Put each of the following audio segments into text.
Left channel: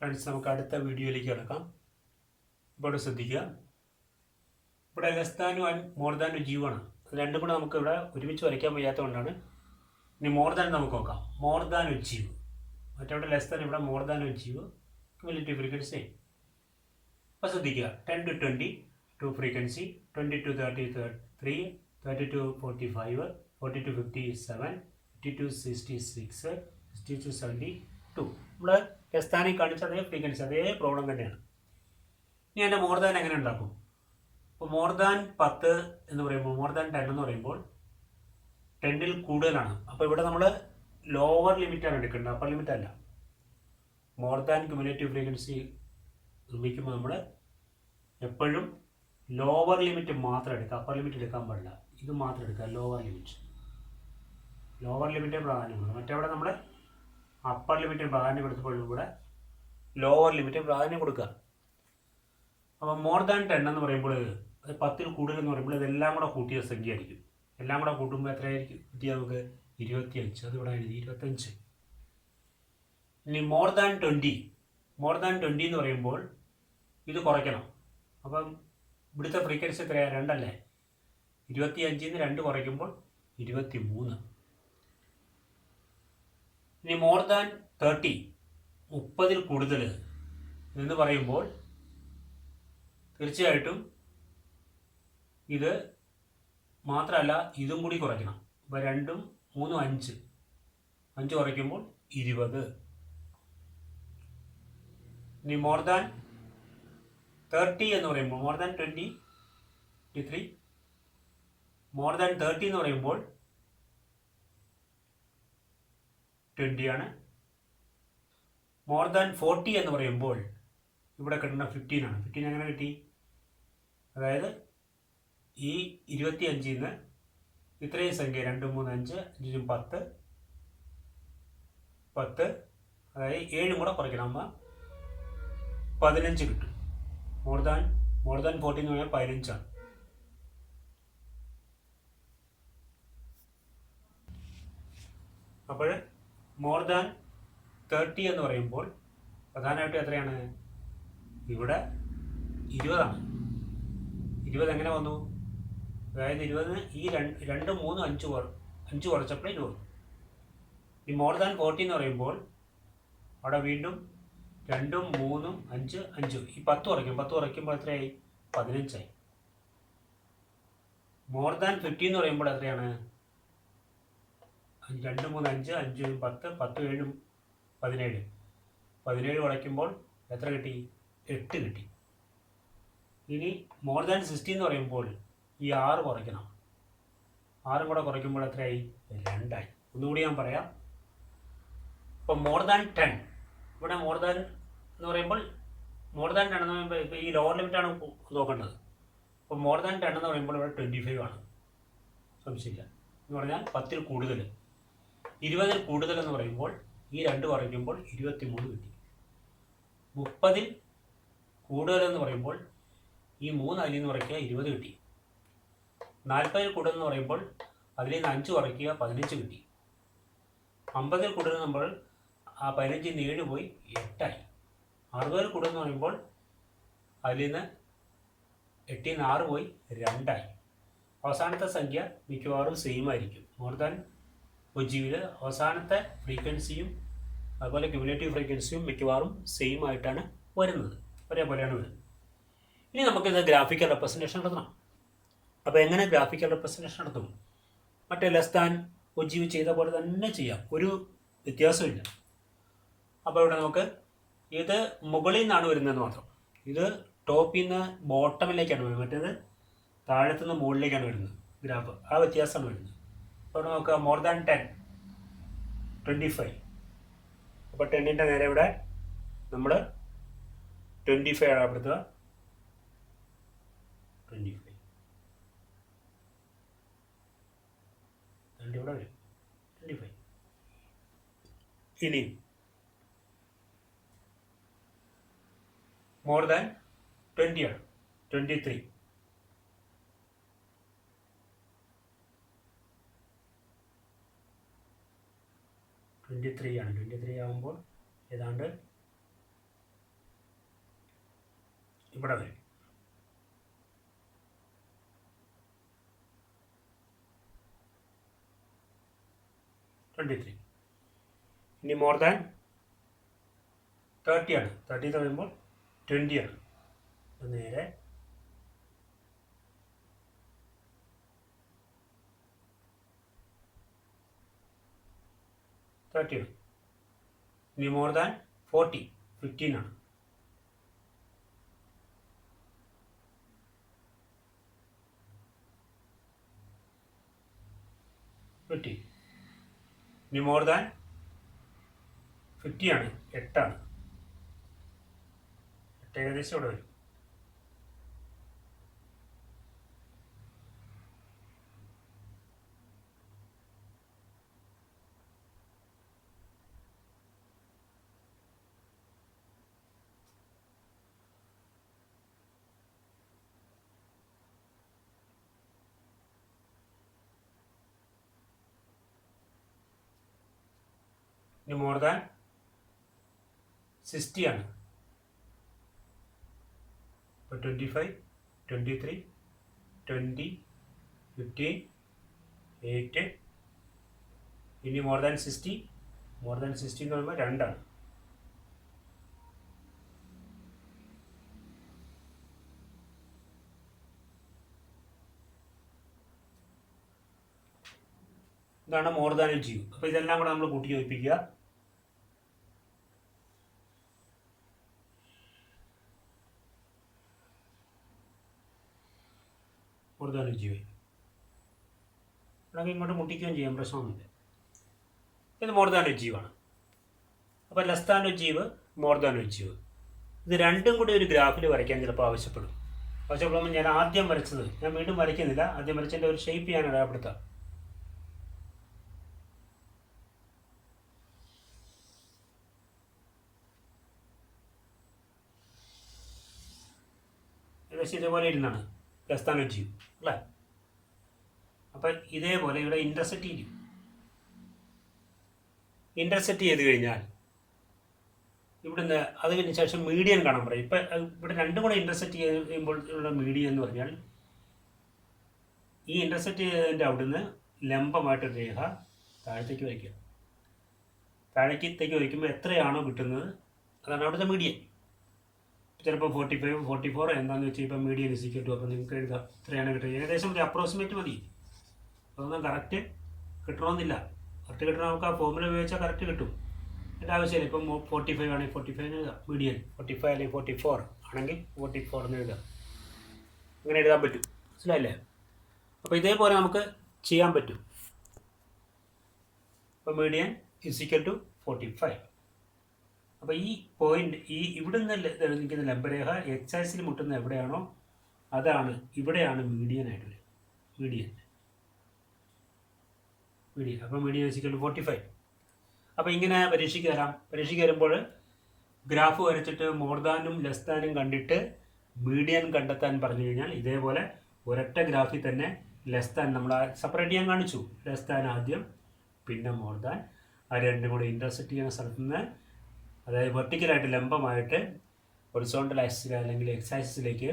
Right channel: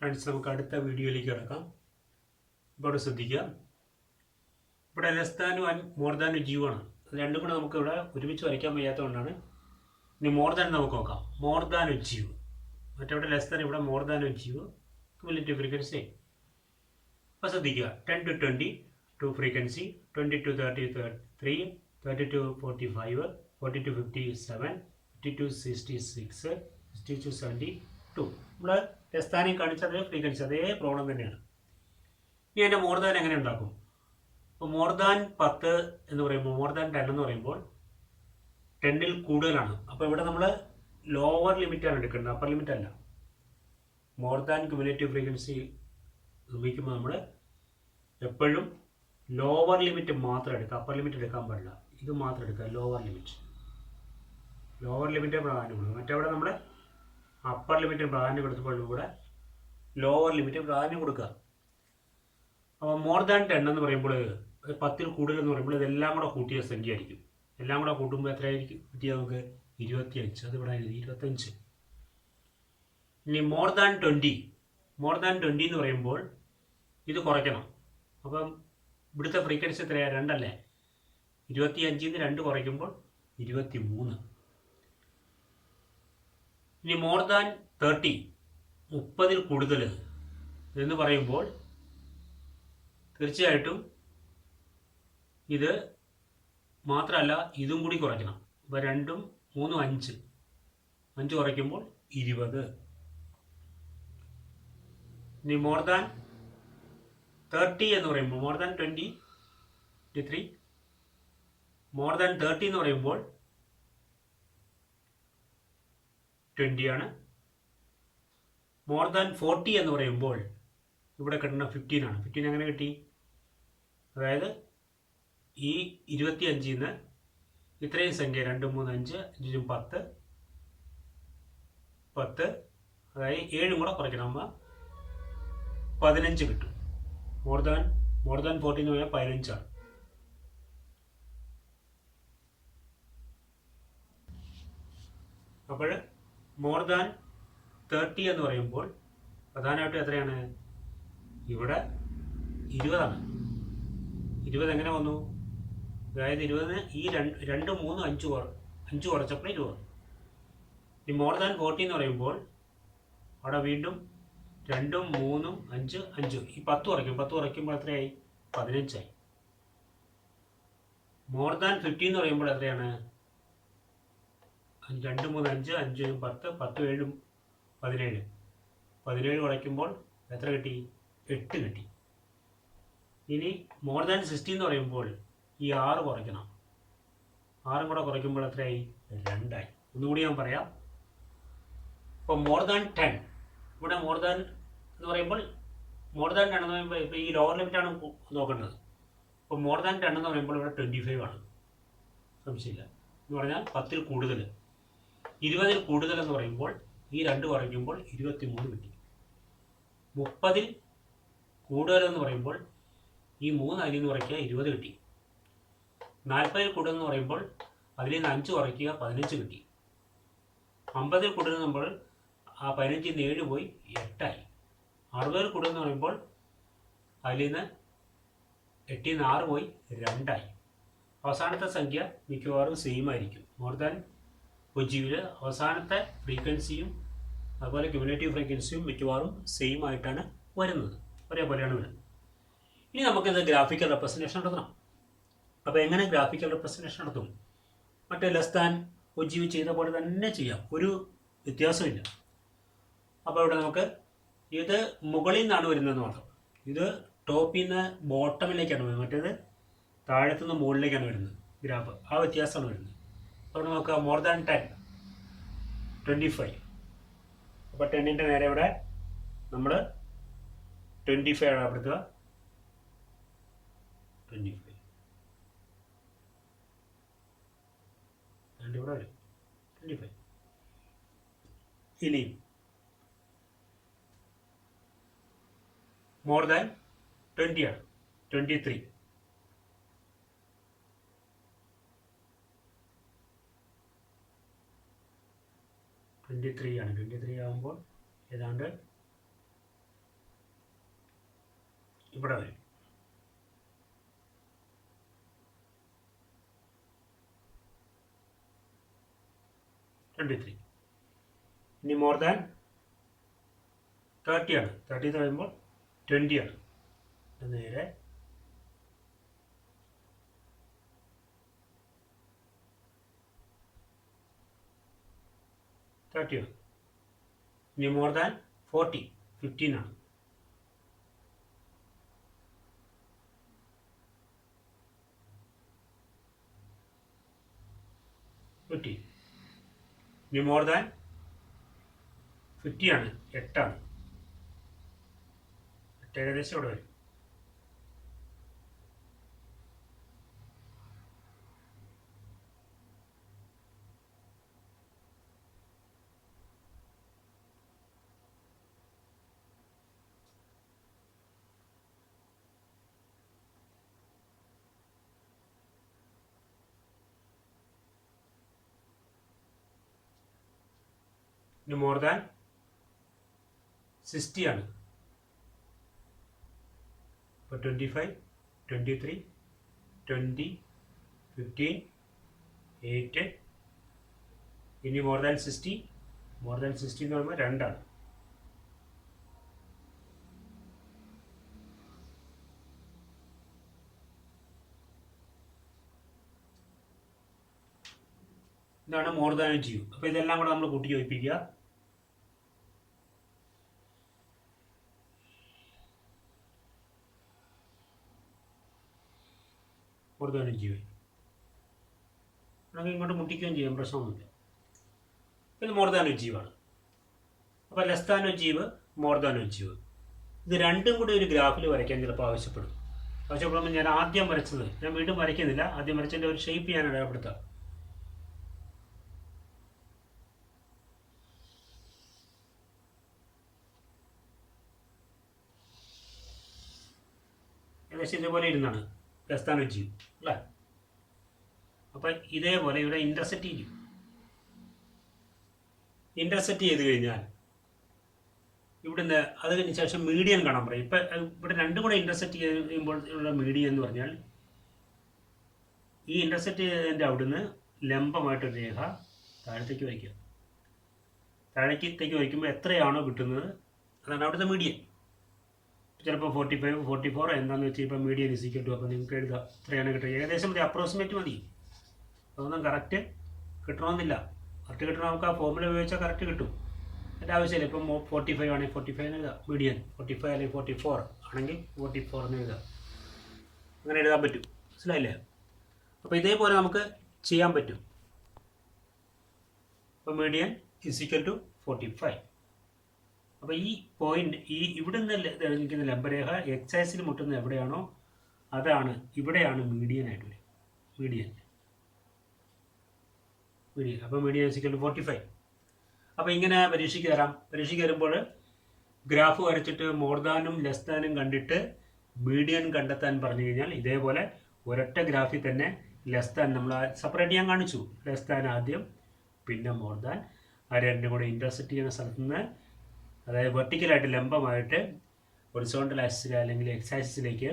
Friends, നമുക്ക് അടുത്ത വീഡിയോയിലേക്ക് കിടക്കാം. ഇവിടെ ശ്രദ്ധിക്കുക, ഇവിടെ ലെസ് ദാനും ആൻഡ് മോർ ദാനും ജീവാണ്. രണ്ടും കൂടെ നമുക്ക് ഇവിടെ ഒരുമിച്ച് വരയ്ക്കാൻ വയ്യാത്തതുകൊണ്ടാണ്. ഇനി മോർ ദാൻ നമുക്ക് നോക്കാം. മോർ ദാൻ അച്ചീവ്, മറ്റവിടെ ലെസ് ദാൻ, ഇവിടെ more than ogive. Cumulative frequency. അപ്പോൾ ശ്രദ്ധിക്കുക, 10 to 20 two frequency, 20 to 33, 30 to 45, 40 to 57, 50 to 66, 60 to 72. നമ്മൾ ലെസ് ദാനിൽ കാണിച്ച അതേ ഫ്രീക്വൻസി, അതേ പ്രോബ്ലം തന്നെയാണ്. ഇനി അതിൻ്റെ മോർ ദാൻ എങ്ങനെ ഉണ്ടാക്കും? അപ്പോൾ മോർ ദാൻ 10 എന്ന് പറയുമ്പോൾ, മോർ ദാൻ 10 എന്ന് പറയുമ്പോൾ 10ൽ കൂടുതലാണ്. അപ്പോൾ ഇവിടെ നമ്മൾ ലോവർ ലിമിറ്റാണ് എടുക്കേണ്ടത്, അപ്പർ ലിമിറ്റ് അല്ല. മോർ ദാൻ ക്യുമുലേറ്റീവ് ഫ്രീക്വൻസി നിർമ്മിക്കുമ്പോൾ നമ്മൾ എപ്പോഴും ലോവർ ലിമിറ്റ് മാത്രം എടുക്കുക, അപ്പർ ലിമിറ്റ് എടുക്കാൻ പാടില്ല. ഇത് മാത്രം എടുക്കുക, ലോവർ ലിമിറ്റ്. ലോവർ ലിമിറ്റ് പ്രാധാന്യം കൊടുക്കുക. മറ്റേവിടെ നമ്മൾ അപ്പർ ലിമിറ്റിന് പ്രാധാന്യം കൊടുത്തപ്പോൾ ഇവിടെ ലോവർ ലിമിറ്റ് പ്രാധാന്യം കൊടുക്കുക. അപ്പോൾ മോർ ദാൻ 10 എന്ന് പറയുമ്പോൾ, 10ൽ കൂടുതൽ എന്ന് പറയുമ്പോൾ ഇതെല്ലാം കൂടെ കൂട്ടിയ സംഖ്യ ആയിരിക്കും. എല്ലാം കൂടെ കൂട്ടുമ്പോൾ എത്രയായിരിക്കും കിട്ടിയാൽ നമുക്ക് 25. അതിവിടെ എഴുതി 25. ഇനി മോർ ദാൻ 20, മോർ ദാൻ 20 എന്ന് പറയുമ്പോൾ ഇത് കുറയ്ക്കണം. അപ്പം ഇവിടുത്തെ ഫ്രീക്വൻസി എത്രയാണ്? 2 അല്ലേ? 25ൽ നിന്ന് 2 കുറയ്ക്കുമ്പോൾ 23. ഇനി മോർ ദാൻ 30, 30ൽ കൂടുതൽ എന്ന് പറയുമ്പോൾ തീർച്ചയായിട്ടും ഇത് മാത്രമല്ല, ഇതും കൂടി കുറയ്ക്കണം. അപ്പോൾ 2ഉം 3ഉം 5, 5 കുറയ്ക്കുമ്പോൾ 20. ഇനി മോർ ദാൻ 30 എന്ന് പറയുമ്പോൾ, മോർ ദാൻ 20, 23, മോർ ദാൻ 30 എന്ന് പറയുമ്പോൾ 20 ആണ്. മോർ ദാൻ 40 എന്ന് പറയുമ്പോൾ ഇവിടെ കിട്ടുന്ന 15 ആണ്. 15 എങ്ങനെ കിട്ടി? അതായത് ഈ 25ൽ നിന്ന് ഇത്രയും സംഖ്യ 2, 3, 5, 5, 10, 10, അതായത് 7 കൂടെ കുറയ്ക്കണം. അപ്പോൾ 15 കിട്ടും. മോർ ദാൻ 40 എന്ന് പറഞ്ഞാൽ 15 ആണ്. അപ്പോൾ മോർ ദാൻ 30 എന്ന് പറയുമ്പോൾ പ്രധാനമായിട്ടും എത്രയാണ്? ഇവിടെ 20 ആണ്. 20 എങ്ങനെ വന്നു? അതായത് 20 ഈ 2, 3, 5 കുറച്ചപ്പോൾ 20. ഈ മോർ ദാൻ 40 എന്ന് പറയുമ്പോൾ അവിടെ വീണ്ടും 2, 3, 5, 5, ഈ 10 കുറയ്ക്കും. 10 കുറയ്ക്കുമ്പോൾ എത്രയായി? 15 ആയി. മോർ ദാൻ 50 എന്ന് പറയുമ്പോൾ എത്രയാണ്? 2, 3, 5, 5, 10, 10, 7, 17. 17 കുറയ്ക്കുമ്പോൾ എത്ര കിട്ടി? 8 കിട്ടി. ഇനി മോർ ദാൻ 60 എന്ന് പറയുമ്പോൾ ഈ 6 കുറയ്ക്കണം. 6 കൂടെ കുറയ്ക്കുമ്പോൾ എത്രയായി? 2 ആയി. ഒന്നുകൂടി ഞാൻ പറയാം. ഇപ്പോൾ മോർ ദാൻ 10, ഇവിടെ മോർ ദാൻ എന്ന് പറയുമ്പോൾ, മോർ ദാൻ 10 എന്ന് പറയുമ്പോൾ ഇപ്പോൾ ഈ ലോവർ ലിമിറ്റാണ് നോക്കേണ്ടത്. അപ്പോൾ മോർ ദാൻ 10 എന്ന് പറയുമ്പോൾ ഇവിടെ 25 ആണ്, സംശയമില്ല. എന്ന് പറഞ്ഞാൽ 10ൽ കൂടുതൽ. 20ൽ കൂടുതൽ എന്ന് പറയുമ്പോൾ ഈ 2 കുറയ്ക്കുമ്പോൾ 23 കിട്ടി. 30ൽ കൂടുതലെന്ന് പറയുമ്പോൾ ഈ 3 അതിൽ നിന്ന് കുറയ്ക്കുക, 20 കിട്ടി. 40ൽ കൂടുതലെന്ന് പറയുമ്പോൾ അതിൽ നിന്ന് 5 കുറയ്ക്കുക, 15 കിട്ടി. 50ൽ കൂടുതലെന്ന് പറയുമ്പോൾ ആ 15ൽ നിന്ന് 7 പോയി 8 ആയി. 60ൽ കൂടുതലെന്ന് പറയുമ്പോൾ അതിൽ നിന്ന് 8ൽ നിന്ന് 6 പോയി 2 ആയി. അവസാനത്തെ സംഖ്യ മിക്കവാറും സെയിം ആയിരിക്കും. മോർ ദാൻ ഒജീവിൽ അവസാനത്തെ ഫ്രീക്വൻസിയും അതുപോലെ ക്യുമുലേറ്റീവ് ഫ്രീക്വൻസിയും മിക്കവാറും സെയിം ആയിട്ടാണ് വരുന്നത്, ഒരേപോലെയാണ് വരുന്നത്. ഇനി നമുക്കിത് ഗ്രാഫിക്കൽ റെപ്രസെൻറ്റേഷൻ നടത്തണം. അപ്പോൾ എങ്ങനെ ഗ്രാഫിക്കൽ റെപ്രസെൻറ്റേഷൻ നടത്തും? മറ്റേ ലെസ് ദാൻ ഒജീവ് ചെയ്ത പോലെ തന്നെ ചെയ്യാം, ഒരു വ്യത്യാസമില്ല. അപ്പോൾ ഇവിടെ നമുക്ക് ഇത് മുകളിൽ നിന്നാണ് വരുന്നത് മാത്രം. ഇത് ടോപ്പിൽ നിന്ന് ബോട്ടമിലേക്കാണ് വരുന്നത്, മറ്റേത് താഴത്തുനിന്ന് മുകളിലേക്കാണ് വരുന്നത് ഗ്രാഫ്. ആ വ്യത്യാസമാണ് വരുന്നത്. അപ്പോൾ നമുക്ക് മോർ ദാൻ 10, 25. അപ്പോൾ 10ൻ്റെ നേരെ ഇവിടെ നമ്മൾ 25 അടയാളപ്പെടുത്തുക. 25 ഇവിടെ വരും 25. ഇനി മോർ ദാൻ 20 ആണ്, 23. 23 ആണ്. 23 ആകുമ്പോൾ ഏതാണ്ട് ഇവിടെ വരും. ത്രീ. ഇനി മോർ ദാൻ 30 ആണ്. 30 എന്ന് പറയുമ്പോൾ 20 ആണ്. നേരെ ആണ്. ഇനി മോർ ദാൻ 40 15 ആണ്. ഇനി മോർ ദാൻ 50 ആണ്. 8 ആണ്. 8 ഏകദേശം ഇവിടെ വരും. ഇനി മോർ ദാൻ 60 ആണ്. ഇപ്പോൾ 25 23 20 15 8. ഇനി മോർ ദാൻ 60. മോർ ദാൻ 60 എന്ന് പറയുമ്പോൾ 2 ആണ്. ഇതാണ് മോർ ദാൻ അച്ചീവ്. അപ്പോൾ ഇതെല്ലാം കൂടെ നമ്മൾ കൂട്ടി യോജിപ്പിക്കുക. മോർ ദാൻ അച്ചീവ് നമുക്ക് ഇങ്ങോട്ട് മുട്ടിക്കുകയും ചെയ്യാം, പ്രശ്നമൊന്നുമില്ല. ഇത് മോർ ദാൻ അച്ചീവാണ്. അപ്പോൾ less than ogive, more than ogive, ഇത് രണ്ടും കൂടി ഒരു ഗ്രാഫിൽ വരയ്ക്കാൻ ചിലപ്പോൾ ആവശ്യപ്പെടുമ്പോൾ ഞാൻ ആദ്യം വരച്ചത് ഞാൻ വീണ്ടും വരയ്ക്കുന്നില്ല. ആദ്യം വരച്ചതിൻ്റെ ഒരു ഷേപ്പ് ഞാൻ അടയാളപ്പെടുത്താം. ഏകദേശം ഇതേപോലെ ഇരുന്നാണ് ലെസ് ദാൻ അച്ചീവ് അല്ലേ. അപ്പം ഇതേപോലെ ഇവിടെ ഇൻ്റർസെക്റ്റ് ചെയ്യും. ഇൻ്റർസെക്റ്റ് ചെയ്ത് കഴിഞ്ഞാൽ ഇവിടുന്ന് അത് കഴിഞ്ഞ ശേഷം മീഡിയൻ കാണാൻ പറയും. ഇപ്പം ഇവിടെ രണ്ടും കൂടെ ഇൻ്റർസെക്റ്റ് ചെയ്യുമ്പോൾ ഉള്ള മീഡിയൻ എന്ന് പറഞ്ഞാൽ ഈ ഇൻ്റർസെക്റ്റ് ചെയ്തതിൻ്റെ അവിടുന്ന് ലംബമായിട്ടൊരു രേഖ താഴത്തേക്ക് വയ്ക്കുക. താഴേക്കത്തേക്ക് വയ്ക്കുമ്പോൾ എത്രയാണോ കിട്ടുന്നത് അതാണ് അവിടുത്തെ മീഡിയൻ. ചിലപ്പോൾ 45 44 എന്താണെന്ന് വെച്ചാൽ ഇപ്പോൾ മീഡിയൻ ഇസിക്കൽ അപ്പോൾ നിങ്ങൾക്ക് എഴുതാം എത്രയാണ് കിട്ടുക. ഏകദേശം മതി, അപ്രോക്സിമേറ്റ് മതി. അതൊന്നും കറക്റ്റ് കിട്ടണമെന്നില്ല. കറക്റ്റ് കിട്ടണം നമുക്ക് ആ ഫോർമുല ഉപയോഗിച്ചാൽ കറക്റ്റ് കിട്ടും. എൻ്റെ ആവശ്യമില്ല. ഇപ്പം 45 ആണെങ്കിൽ 45 എന്ന് എഴുതാം മീഡിയൻ. 45 അല്ലെങ്കിൽ 44 ആണെങ്കിൽ 44 എന്ന് എഴുതാം. അങ്ങനെ എഴുതാൻ പറ്റും. മനസ്സിലായില്ലേ? അപ്പോൾ ഇതേപോലെ നമുക്ക് ചെയ്യാൻ പറ്റും. അപ്പോൾ മീഡിയൻ ഇസിക്കൽ ടു 45. അപ്പോൾ ഈ പോയിന്റ് ഇവിടുന്ന് നിൽക്കുന്ന ലംബരേഖ എക്സൈസിൽ മുട്ടുന്ന എവിടെയാണോ അതാണ് ഇവിടെയാണ് മീഡിയനായിട്ട് വരും. മീഡിയൻ. അപ്പോൾ മീഡിയൻ ഇസിക്കൽ ടു 45. അപ്പോൾ ഇങ്ങനെ പരീക്ഷയ്ക്ക് തരാം. പരീക്ഷയ്ക്ക് വരുമ്പോൾ ഗ്രാഫ് വരച്ചിട്ട് മോർ ദാനും ലെസ് ദാനും കണ്ടിട്ട് മീഡിയൻ കണ്ടെത്താൻ പറഞ്ഞു കഴിഞ്ഞാൽ ഇതേപോലെ ഒരൊറ്റ ഗ്രാഫിൽ തന്നെ ലെസ് ദാൻ നമ്മൾ സെപ്പറേറ്റ് ചെയ്യാൻ കാണിച്ചു. ലെസ് ദാൻ ആദ്യം, പിന്നെ മോർ ദാൻ. ആ രണ്ടും കൂടെ ഇൻ്റർസെക്റ്റ് ചെയ്യുന്ന സ്ഥലത്ത് നിന്ന്, അതായത് വെർട്ടിക്കലായിട്ട് ലംബമായിട്ട് ഹൊറിസോണ്ടൽ ആക്സിസ് അല്ലെങ്കിൽ എക്സ് ആക്സിസിലേക്ക്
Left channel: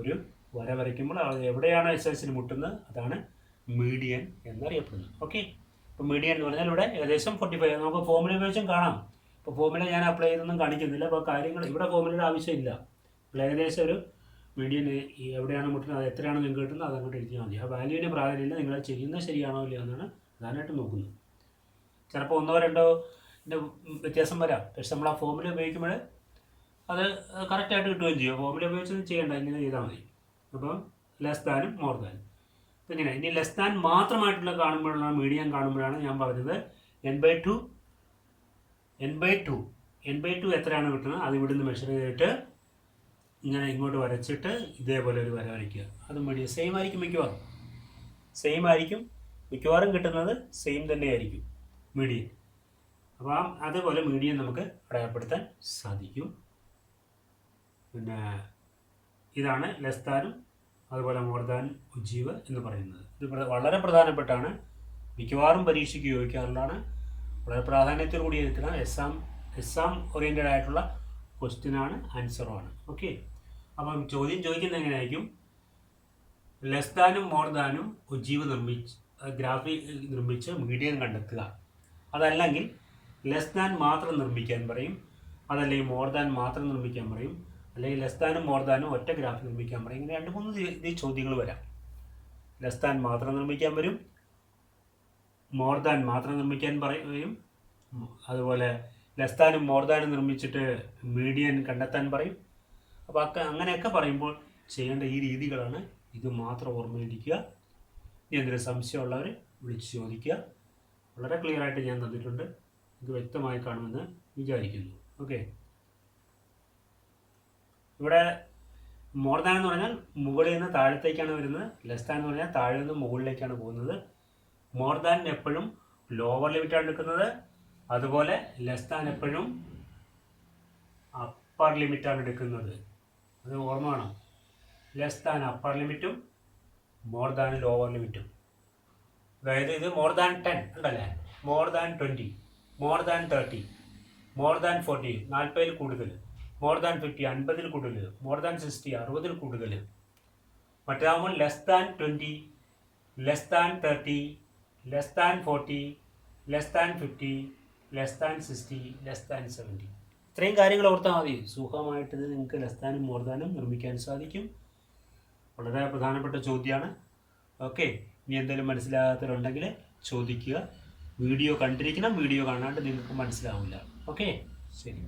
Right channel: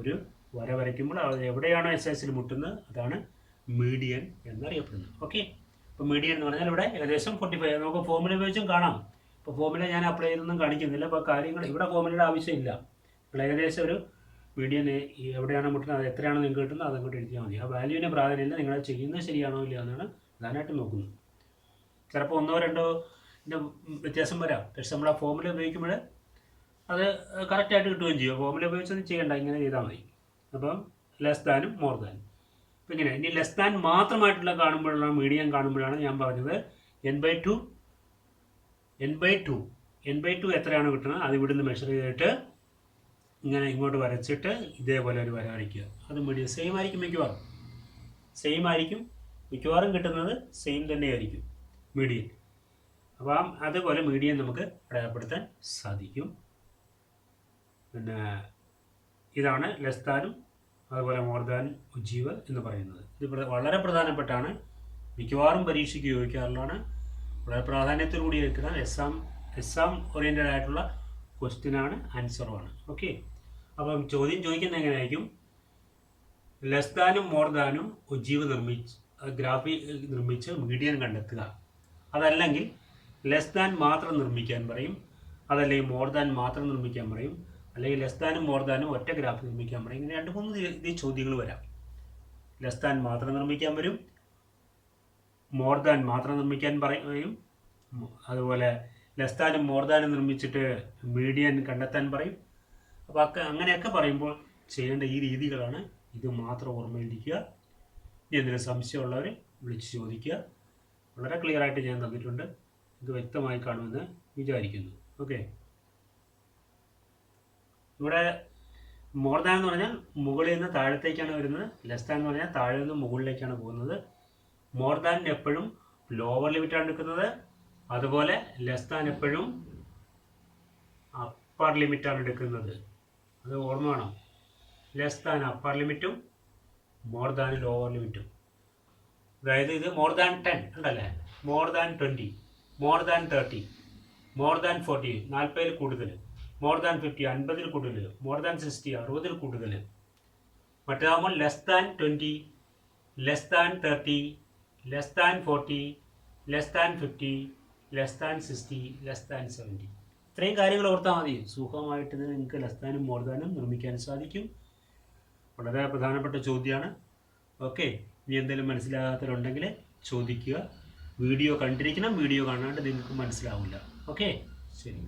ഒരു വര വരയ്ക്കുമ്പോൾ അത് എവിടെയാണോ എക്സ് ആക്സിസിൽ മുട്ടുന്നത് അതാണ് മീഡിയൻ എന്നറിയപ്പെടുന്നത്. ഓക്കെ. ഇപ്പോൾ മീഡിയൻ എന്ന് പറഞ്ഞാൽ ഇവിടെ ഏകദേശം 45. നമുക്ക് ഫോർമുല ഉപയോഗിച്ചും കാണാം. ഇപ്പോൾ ഫോർമുല ഞാൻ അപ്ലൈ ചെയ്തൊന്നും കാണിക്കുന്നില്ല. അപ്പോൾ കാര്യങ്ങൾ ഇവിടെ ഫോർമുലയുടെ ആവശ്യമില്ല. ഇപ്പോൾ ഏകദേശം ഒരു മീഡിയൻ എവിടെയാണ് മുട്ടുന്നത് അത് എത്രയാണ് നിങ്ങൾക്ക് കിട്ടുന്നത് അതങ്ങോട്ട് എഴുതിയാൽ മതി. ആ വാല്യൂവിന് പ്രാധാന്യമില്ല. നിങ്ങൾ ചെയ്യുന്നത് ശരിയാണോ ഇല്ല എന്നാണ് പ്രധാനമായിട്ട് നോക്കുന്നത്. ചിലപ്പോൾ 1 2 വ്യത്യാസം വരാം. പക്ഷെ നമ്മൾ ആ ഫോർമുല ഉപയോഗിക്കുമ്പോൾ അത് കറക്റ്റായിട്ട് കിട്ടുകയും ചെയ്യും. ഫോർമുല ഉപയോഗിച്ചൊന്നും ചെയ്യേണ്ട, ഇങ്ങനെ ചെയ്താൽ മതി. അപ്പം ലെസ് ദാനും മോർ ദാനും. അപ്പം ഇങ്ങനെ ഇനി ലെസ് ദാൻ മാത്രമായിട്ടുള്ള കാണുമ്പോഴുള്ള മീഡിയൻ കാണുമ്പോഴാണ് ഞാൻ പറഞ്ഞത് n/2 എത്രയാണ് കിട്ടുന്നത് അത് ഇവിടുന്ന് മെഷർ ചെയ്തിട്ട് ഇങ്ങനെ ഇങ്ങോട്ട് വരച്ചിട്ട് ഇതേപോലെ ഒരു വര വരയ്ക്കുക. അത് മീഡിയൻ സെയിം ആയിരിക്കും. മിക്കവാറും കിട്ടുന്നത് സെയിം തന്നെയായിരിക്കും മീഡിയൻ. അപ്പം അതുപോലെ മീഡിയൻ നമുക്ക് അടയാളപ്പെടുത്താൻ സാധിക്കും. പിന്നെ ഇതാണ് ലെസ് ദാനും അതുപോലെ മോർ ദാൻ ഉജ്ജീവ് എന്ന് പറയുന്നത്. ഇത് വളരെ പ്രധാനപ്പെട്ടാണ്. മിക്കവാറും പരീക്ഷയ്ക്ക് ചോദിക്കാറുള്ളതാണ്. വളരെ പ്രാധാന്യത്തോടുകൂടി എടുക്കുന്ന എക്സാം ഓറിയൻറ്റഡ് ആയിട്ടുള്ള ക്വസ്റ്റ്യനാണ്, ആൻസറുമാണ്. ഓക്കെ. അപ്പം ചോദ്യം ചോദിക്കുന്നത് എങ്ങനെയായിരിക്കും? ലെസ് ദാനും മോർ ദാനും ഒജീവ് ഗ്രാഫി നിർമ്മിച്ച് മീഡിയൻ കണ്ടെത്തുക. അതല്ലെങ്കിൽ ലെസ് ദാൻ മാത്രം നിർമ്മിക്കാൻ പറയും, അതല്ലെങ്കിൽ മോർ ദാൻ മാത്രം നിർമ്മിക്കാൻ പറയും, അല്ലെങ്കിൽ ലെസ് ദാനും മോർ ദാനും ഒറ്റ ഗ്രാഫ് നിർമ്മിക്കാൻ പറയും. ഇങ്ങനെ 2-3 ചോദ്യങ്ങൾ വരാം. ലെസ് ദാൻ മാത്രം നിർമ്മിക്കാൻ വരും, മോർ ദാൻ മാത്രം നിർമ്മിക്കാൻ പറയും, അതുപോലെ ലെസ് ദാനും മോർ ദാനും നിർമ്മിച്ചിട്ട് മീഡിയൻ കണ്ടെത്താൻ പറയും. അപ്പോൾ അങ്ങനെയൊക്കെ പറയുമ്പോൾ ചെയ്യേണ്ട ഈ രീതികളാണ്. ഇത് മാത്രം ഓർമ്മയിരിക്കുക. ഇനി എന്തെങ്കിലും സംശയമുള്ളവർ വിളിച്ച് ചോദിക്കുക. വളരെ ക്ലിയർ ആയിട്ട് ഞാൻ തന്നിട്ടുണ്ട്. ഇത് വ്യക്തമായി കാണുമെന്ന് വിചാരിക്കുന്നു. ഓക്കെ, ഇവിടെ മോർ ദാൻ എന്ന് പറഞ്ഞാൽ മുകളിൽ നിന്ന് താഴത്തേക്കാണ് വരുന്നത്. ലെസ് ദാൻ എന്ന് പറഞ്ഞാൽ താഴെ നിന്ന് മുകളിലേക്കാണ് പോകുന്നത്. മോർ ദാൻ എപ്പോഴും ലോവർ ലിമിറ്റാണ് എടുക്കുന്നത്, അതുപോലെ ലെസ് ദാൻ എപ്പോഴും അപ്പർ ലിമിറ്റാണ് എടുക്കുന്നത്. അത് ഓർമ്മ വേണം. ലെസ് ദാൻ അപ്പർ ലിമിറ്റും മോർ ദാൻ ലോവർ ലിമിറ്റും. അതായത് ഇത് മോർ ദാൻ 10 ഉണ്ടല്ലേ, more than 20, more than 30, more than 40 40-ൽ കൂടുതൽ, മോർ ദാൻ 50 50-ൽ കൂടുതൽ, മോർ ദാൻ 60 60-ൽ കൂടുതൽ. മറ്റേതാകുമ്പോൾ less than 20, less than 30, less than 40, less than 50, less than 60, less than 70. ഇത്രയും കാര്യങ്ങൾ ഓർത്താൽ മതി. സുഖമായിട്ട് നിങ്ങൾക്ക് ലെസ് ദാനും മോർ ദാനും നിർമ്മിക്കാൻ സാധിക്കും. വളരെ പ്രധാനപ്പെട്ട ചോദ്യമാണ്. ഓക്കെ, ഇനി എന്തെങ്കിലും മനസ്സിലാകാത്തവരുണ്ടെങ്കിൽ ചോദിക്കുക. വീഡിയോ കണ്ടിരിക്കണം, വീഡിയോ കാണാണ്ട് നിങ്ങൾക്ക് മനസ്സിലാവില്ല. ഓക്കെ, ശരി.